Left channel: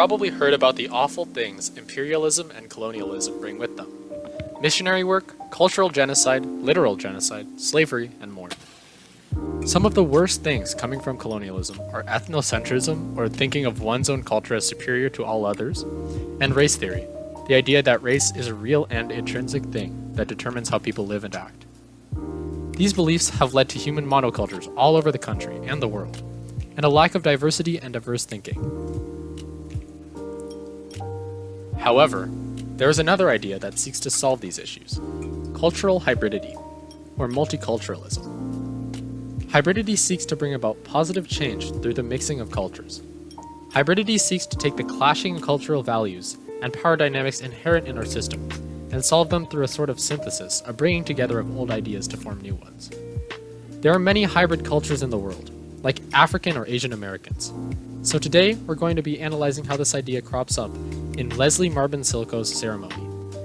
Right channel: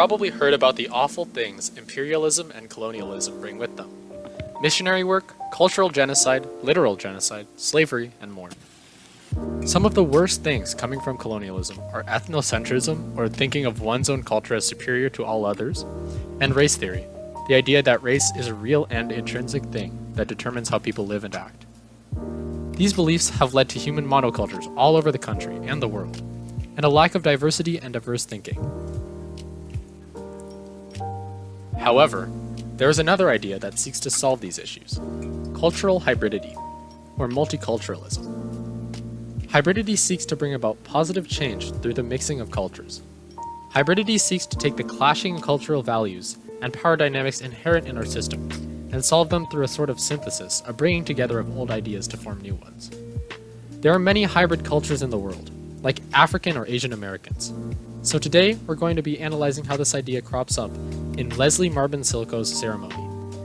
probably heard about the awful things imperialism and colonialism bring with them. Missionary work, cultural genocide, literal genocide, slavery, and more. Some of the worst things coming from colonialism are ethnocentrism, or thinking of one's own culture as superior to all others, and race theory, the idea that race is a real and intrinsic thing that determines how people live and act. These beliefs have led to human monocultures all over the country and the world, and a lack of diversity and diverse thinking. However, there is another idea that seeks to solve these issues: cultural hybridity, or multiculturalism. Hybridity seeks to bring about positive change through the mixing of cultures. Hybridity seeks to take the clashing cultural values and power dynamics inherent in our system and solve them through a sort of synthesis, a bringing together of old ideas to form new ones. There are many hybrid cultures in the world, like African or Asian Americans. So today, we're going to be analyzing how this idea crops up in Leslie Marbin Silko's Ceremony,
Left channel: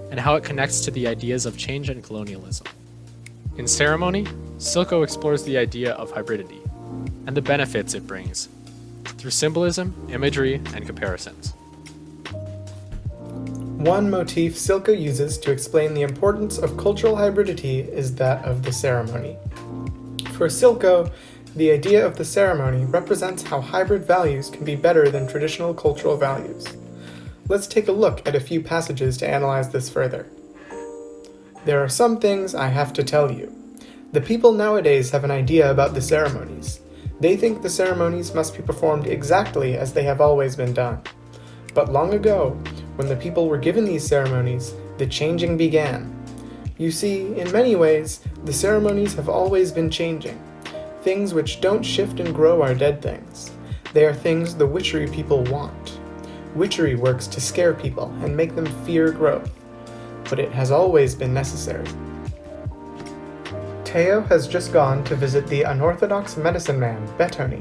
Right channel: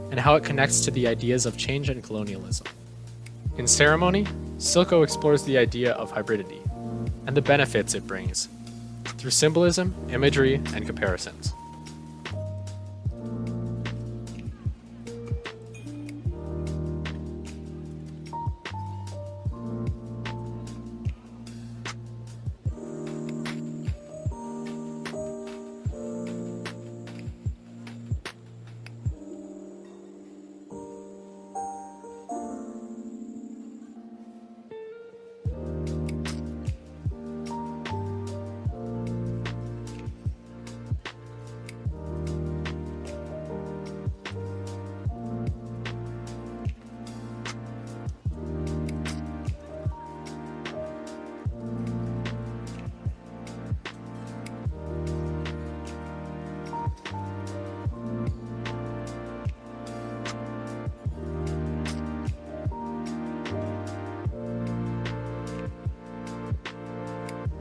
and how it connects to the ideas of change and colonialism. In Ceremony, Silko explores the idea of hybridity, and the benefits it brings, through symbolism, imagery, and comparisons. One motif Silko uses to explain the importance of cultural hybridity is that of the ceremony. For Silko, the idea of the ceremony represents how hybrid values can be better than traditional cultural values. Let's take a look at a few passages to analyze this further. There are some things I have to tell you. The people nowadays have an idea about the ceremonies. They think the ceremonies must be performed exactly as they have always been done. But long ago, when the people were given these ceremonies, the changing began. You see, in many ways, the ceremonies have always been changing. Things which don't shift and grow are dead things. They are things the witchery people want. Witchery works to scare people and make them fear growth, but it has always been necessary. Teo has just gone to visit the unorthodox medicine man, Bettoni,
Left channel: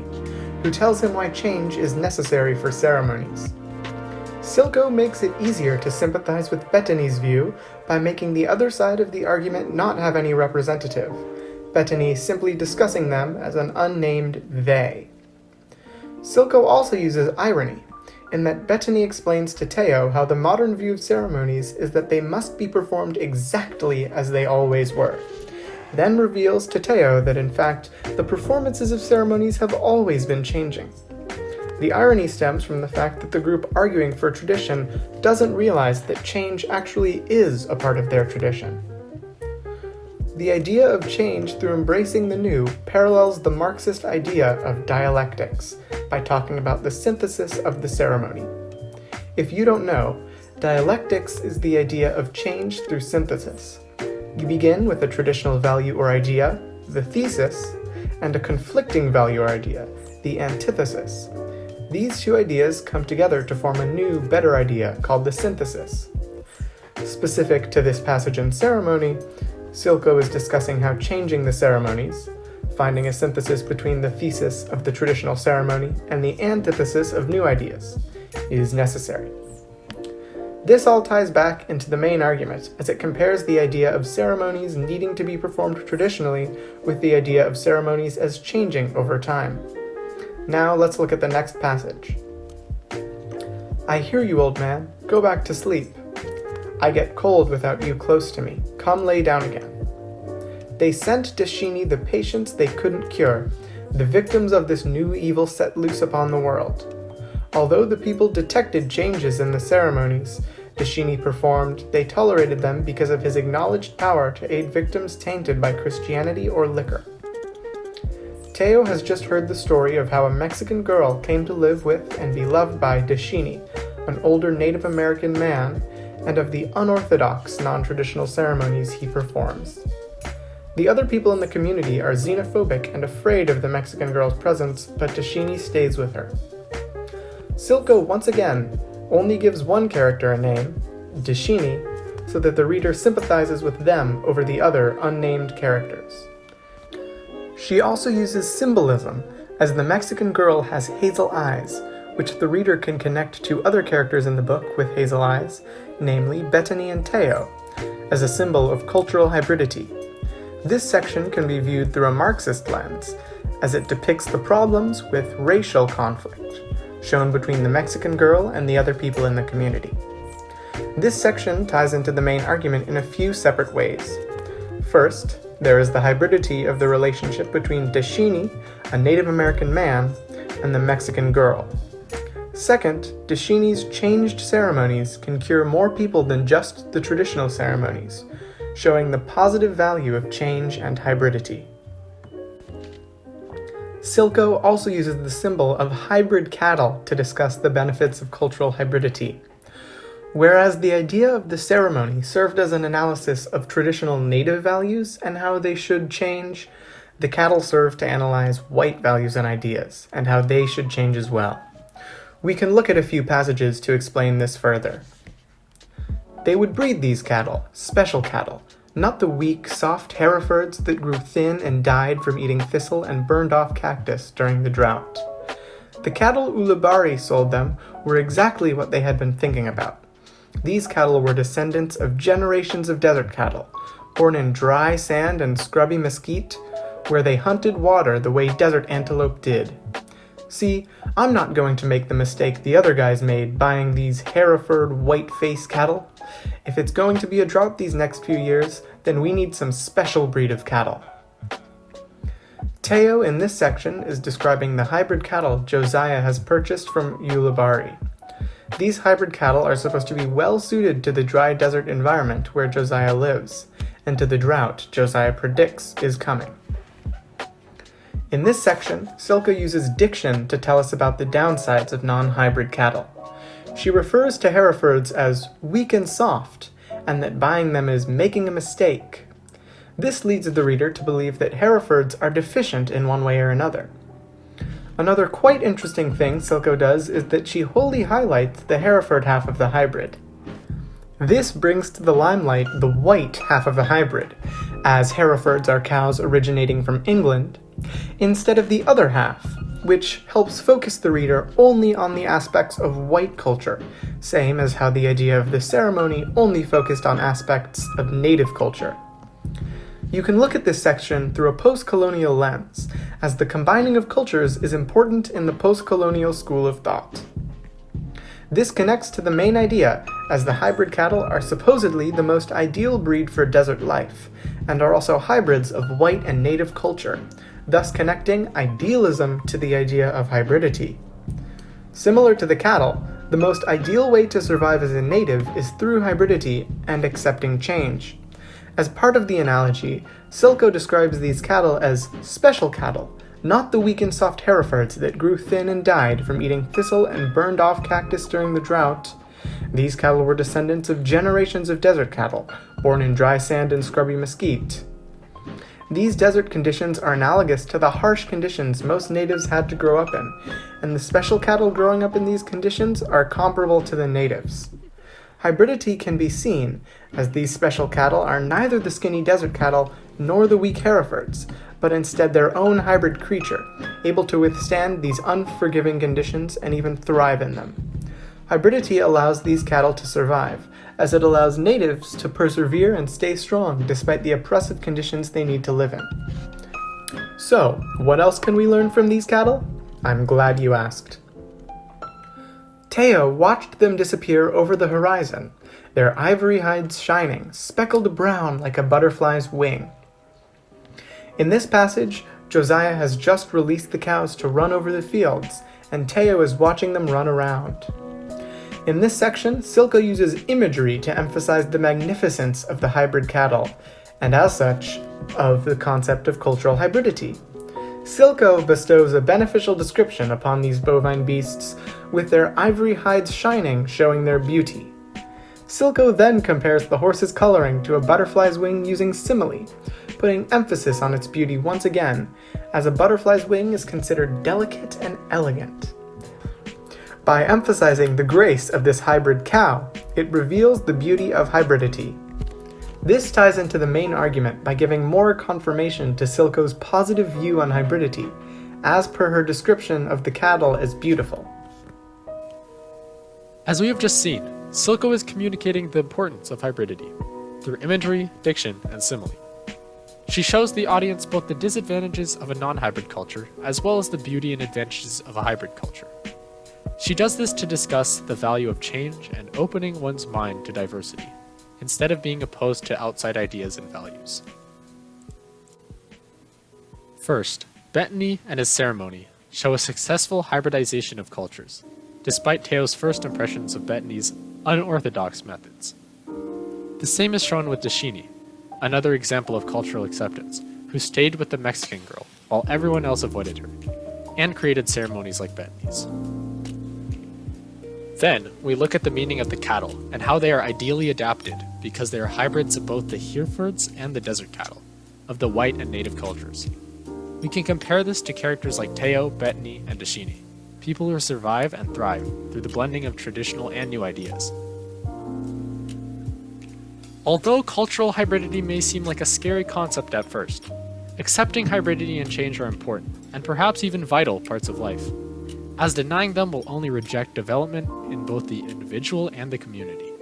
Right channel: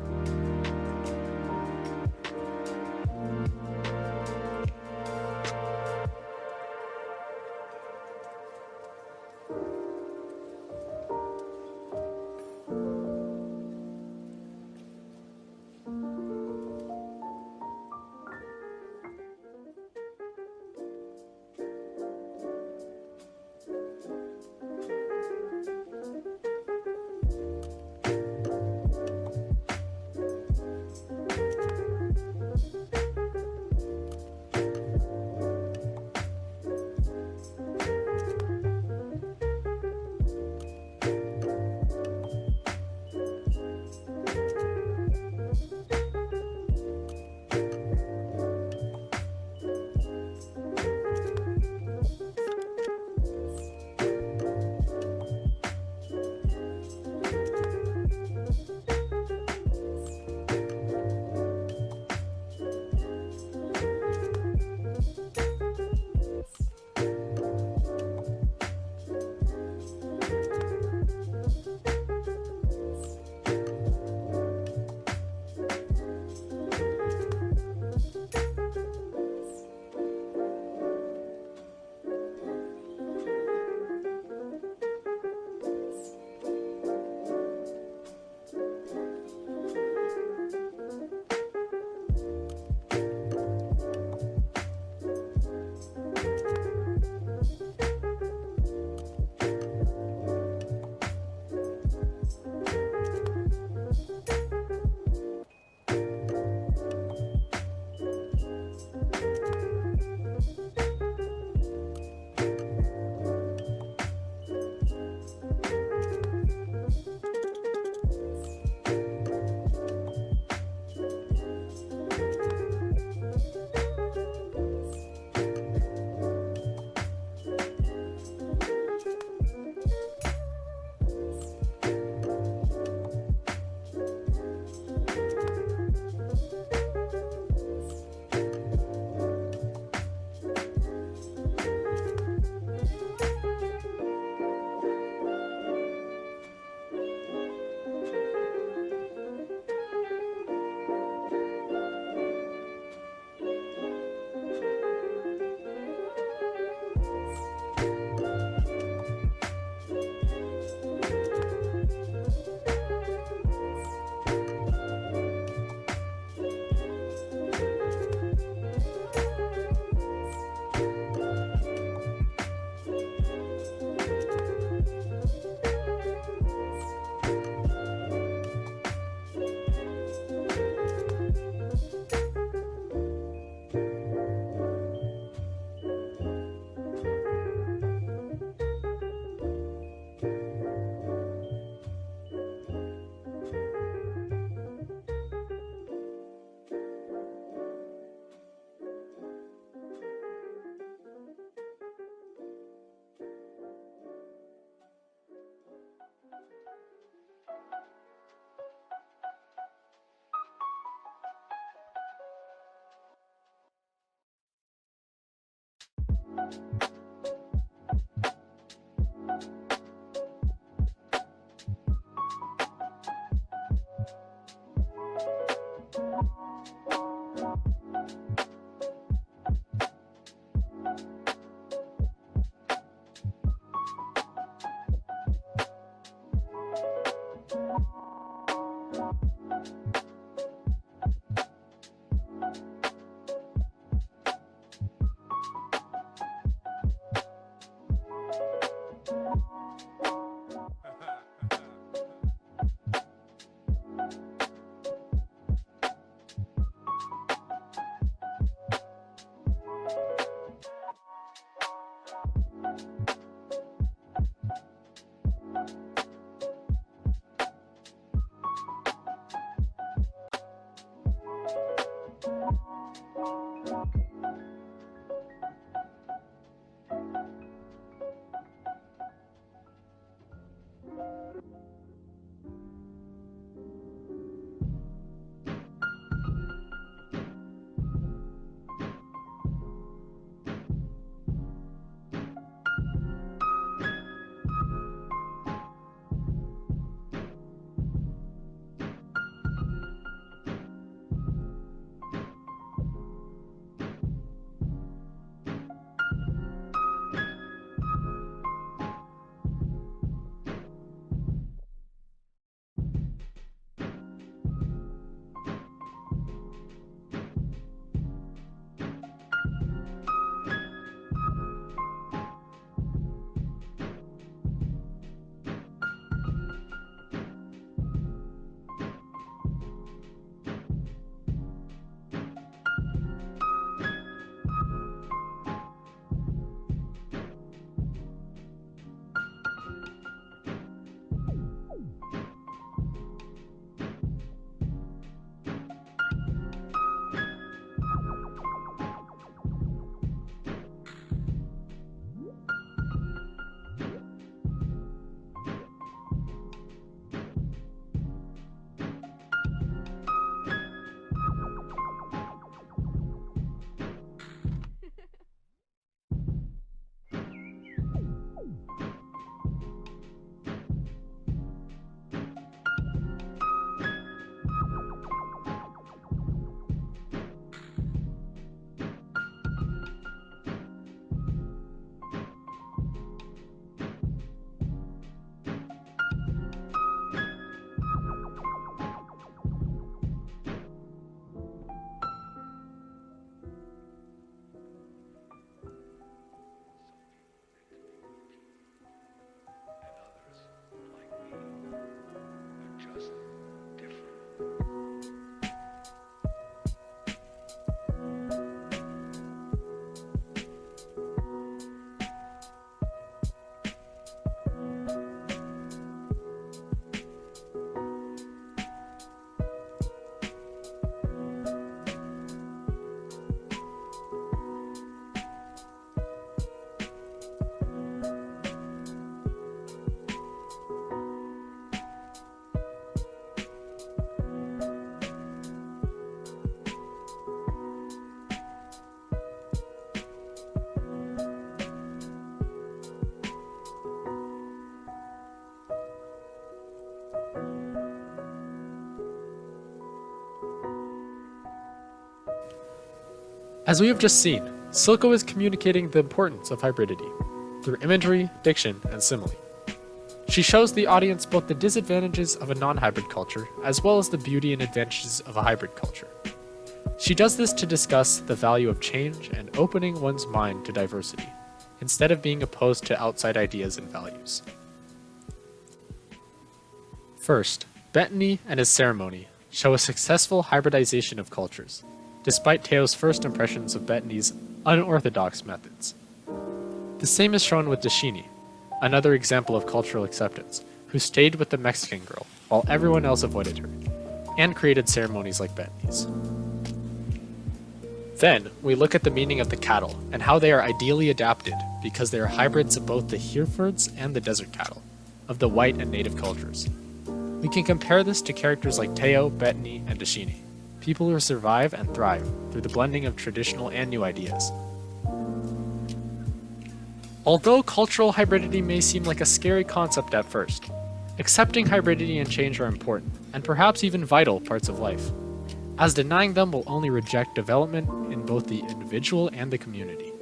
who tells him why change is necessary for ceremonies. Silko makes it easier to sympathize with Bettoni's view by making the other side of the argument not have any representative, Bettoni simply discussing them as an unnamed they. Silko also uses irony, in that Bettoni explains to Teo how the modern view of ceremonies is that they must be performed exactly as they always were, then reveals to Teo that in fact, the performances of ceremonies have always been changing. The irony stems from the fact that the group arguing for tradition doesn't realize that change actually is a part of their tradition. The idea of change through embracing the new parallels the Marxist idea of dialectics by talking about the synthesis of the ceremony. If you don't know, dialectics is the idea of change through synthesis. You begin with a traditional value or idea, the thesis, and a conflicting value or idea, the antithesis. These two ideas come together to form a new, better idea called the synthesis. Specific to this passage in Ceremony, Silko is discussing how changing the ceremonies, finding a synthesis between the thesis of the traditional ceremony and the antithesis of new ideas, is necessary. This all ties back into the main argument, as it compares the idea of ceremonies needing to be performed traditionally with the idea of ceremonies as changing over time. Now let's look at the next passage. I hear you, old man. Go back to sleep. I get cold without you close to me. Come lay down again. They sent Dashini the patients they couldn't cure, the victims of this new evil set loose upon the world. Although the people detected changes in the ceremonies Dashini performed, they tolerated them because of his acknowledged power to aid victims tainted by Christianity or liquor. Teo has just heard the story of how a Mexican girl came to live with and be loved by Dashini, an older Native American man, and of the unorthodox, non-traditional ceremonies he performs. The other people in the community are xenophobic and afraid of the Mexican girl's presence, but Dashini stays with her. Silko, once again, only gives one character a name, Dashini, so that the reader sympathizes with them over the other unnamed characters. She also uses symbolism, as the Mexican girl has hazel eyes, which the reader can connect to other characters in the book with hazel eyes, namely Bettoni and Teo, as a symbol of cultural hybridity. This section can be viewed through a Marxist lens, as it depicts the problems with racial conflict, shown between the Mexican girl and the other people in the community. This section ties into the main argument in a few separate ways. First, there is the hybridity of the relationship between Deshini, a Native American man, and the Mexican girl. Second, Deshini's changed ceremonies can cure more people than just the traditional ceremonies, showing the positive value of change and hybridity. Silko also uses the symbol of hybrid cattle to discuss the benefits of cultural hybridity. Whereas the idea of the ceremony served as an analysis of traditional native values and how they should change, the cattle served to analyze white values and ideas, and how they should change as well. We can look at a few passages to explain this further. They would breed these cattle, special cattle, not the weak, soft Herefords that grew thin and died from eating thistle and burned off cactus during the drought. The cattle Ulubari sold them were exactly what they had been thinking about. These cattle were descendants of generations of desert cattle, born in dry sand and scrubby mesquite, where they hunted water the way desert antelope did. See, I'm not going to make the mistake the other guys made buying these Hereford white-faced cattle. If it's going to be a drought these next few years, then we need some special breed of cattle. Teo in this section is describing the hybrid cattle Josiah has purchased from Ulubari. These hybrid cattle are supposed to be well suited to the dry desert environment where Josiah lives, and to the drought Josiah predicts is coming. In this section, Silko uses diction to tell us about the downsides of non-hybrid cattle. She refers to Herefords as weak and soft, and that buying them is making a mistake. This leads the reader to believe that Herefords are deficient in one way or another. Another quite interesting thing Silko does is that she wholly highlights the Hereford half of the hybrid. This brings to the limelight the white half of the hybrid, as Herefords are cows originating from England, instead of the other half, which helps focus the reader only on the aspects of white culture, same as how the idea of the ceremony only focused on aspects of native culture. You can look at this section through a post-colonial lens, as the combining of cultures is important in the post-colonial school of thought. This connects to the main idea, as the hybrid cattle are supposedly the most ideal breed for desert life, and are also hybrids of white and native culture, thus connecting idealism to the idea of hybridity. Similar to the cattle, the most ideal way to survive as a native is through hybridity and accepting change. As part of the analogy, Silko describes these cattle as special cattle, not the weak and soft Herefords that grew thin and died from eating thistle and burned off cactus during the drought. These cattle were descendants of generations of desert cattle, born in dry sand and scrubby mesquite. These desert conditions are analogous to the harsh conditions most natives had to grow up in, and the special cattle growing up in these conditions are comparable to the natives. Hybridity can be seen, as these special cattle are neither the skinny desert cattle nor the weak Herefords, but instead their own hybrid creature, able to withstand these unforgiving conditions and even thrive in them. Hybridity allows these cattle to survive, as it allows natives to persevere and stay strong despite the oppressive conditions they need to live in. So, what else can we learn from these cattle? I'm glad you asked. Teo watched them disappear over the horizon, their ivory hides shining, speckled brown like a butterfly's wing. In this passage, Josiah has just released the cows to run over the fields, and Teo is watching them run around. In this section, Silko uses imagery to emphasize the magnificence of the hybrid cattle, and as such, of the concept of cultural hybridity. Silko bestows a beneficial description upon these bovine beasts, with their ivory hides shining, showing their beauty. Silko then compares the horse's coloring to a butterfly's wing using simile, putting emphasis on its beauty once again, as a butterfly's wing is considered delicate and elegant. By emphasizing the grace of this hybrid cow, it reveals the beauty of hybridity. This ties into the main argument by giving more confirmation to Silko's positive view on hybridity, as per her description of the cattle as beautiful. As we have just seen, Silko is communicating the importance of hybridity through imagery, diction, and simile. She shows the audience both the disadvantages of a non-hybrid culture as well as the beauty and advantages of a hybrid culture. She does this to discuss the value of change and opening one's mind to diversity, instead of being opposed to outside ideas and values. First, Bettany and his ceremony show a successful hybridization of cultures, despite Teo's first impressions of Bettany's unorthodox methods. The same is shown with Dashini, another example of cultural acceptance, who stayed with the Mexican girl while everyone else avoided her, and created ceremonies like Bettany's. Then, we look at the meaning of the cattle and how they are ideally adapted because they are hybrids of both the Herefords and the desert cattle, of the white and native cultures. We can compare this to characters like Teo, Bettany, and Dashini, people who survive and thrive through the blending of traditional and new ideas. Although cultural hybridity may seem like a scary concept at first, accepting hybridity and change are important, and perhaps even vital parts of life, as denying them will only reject development in both the individual and the community.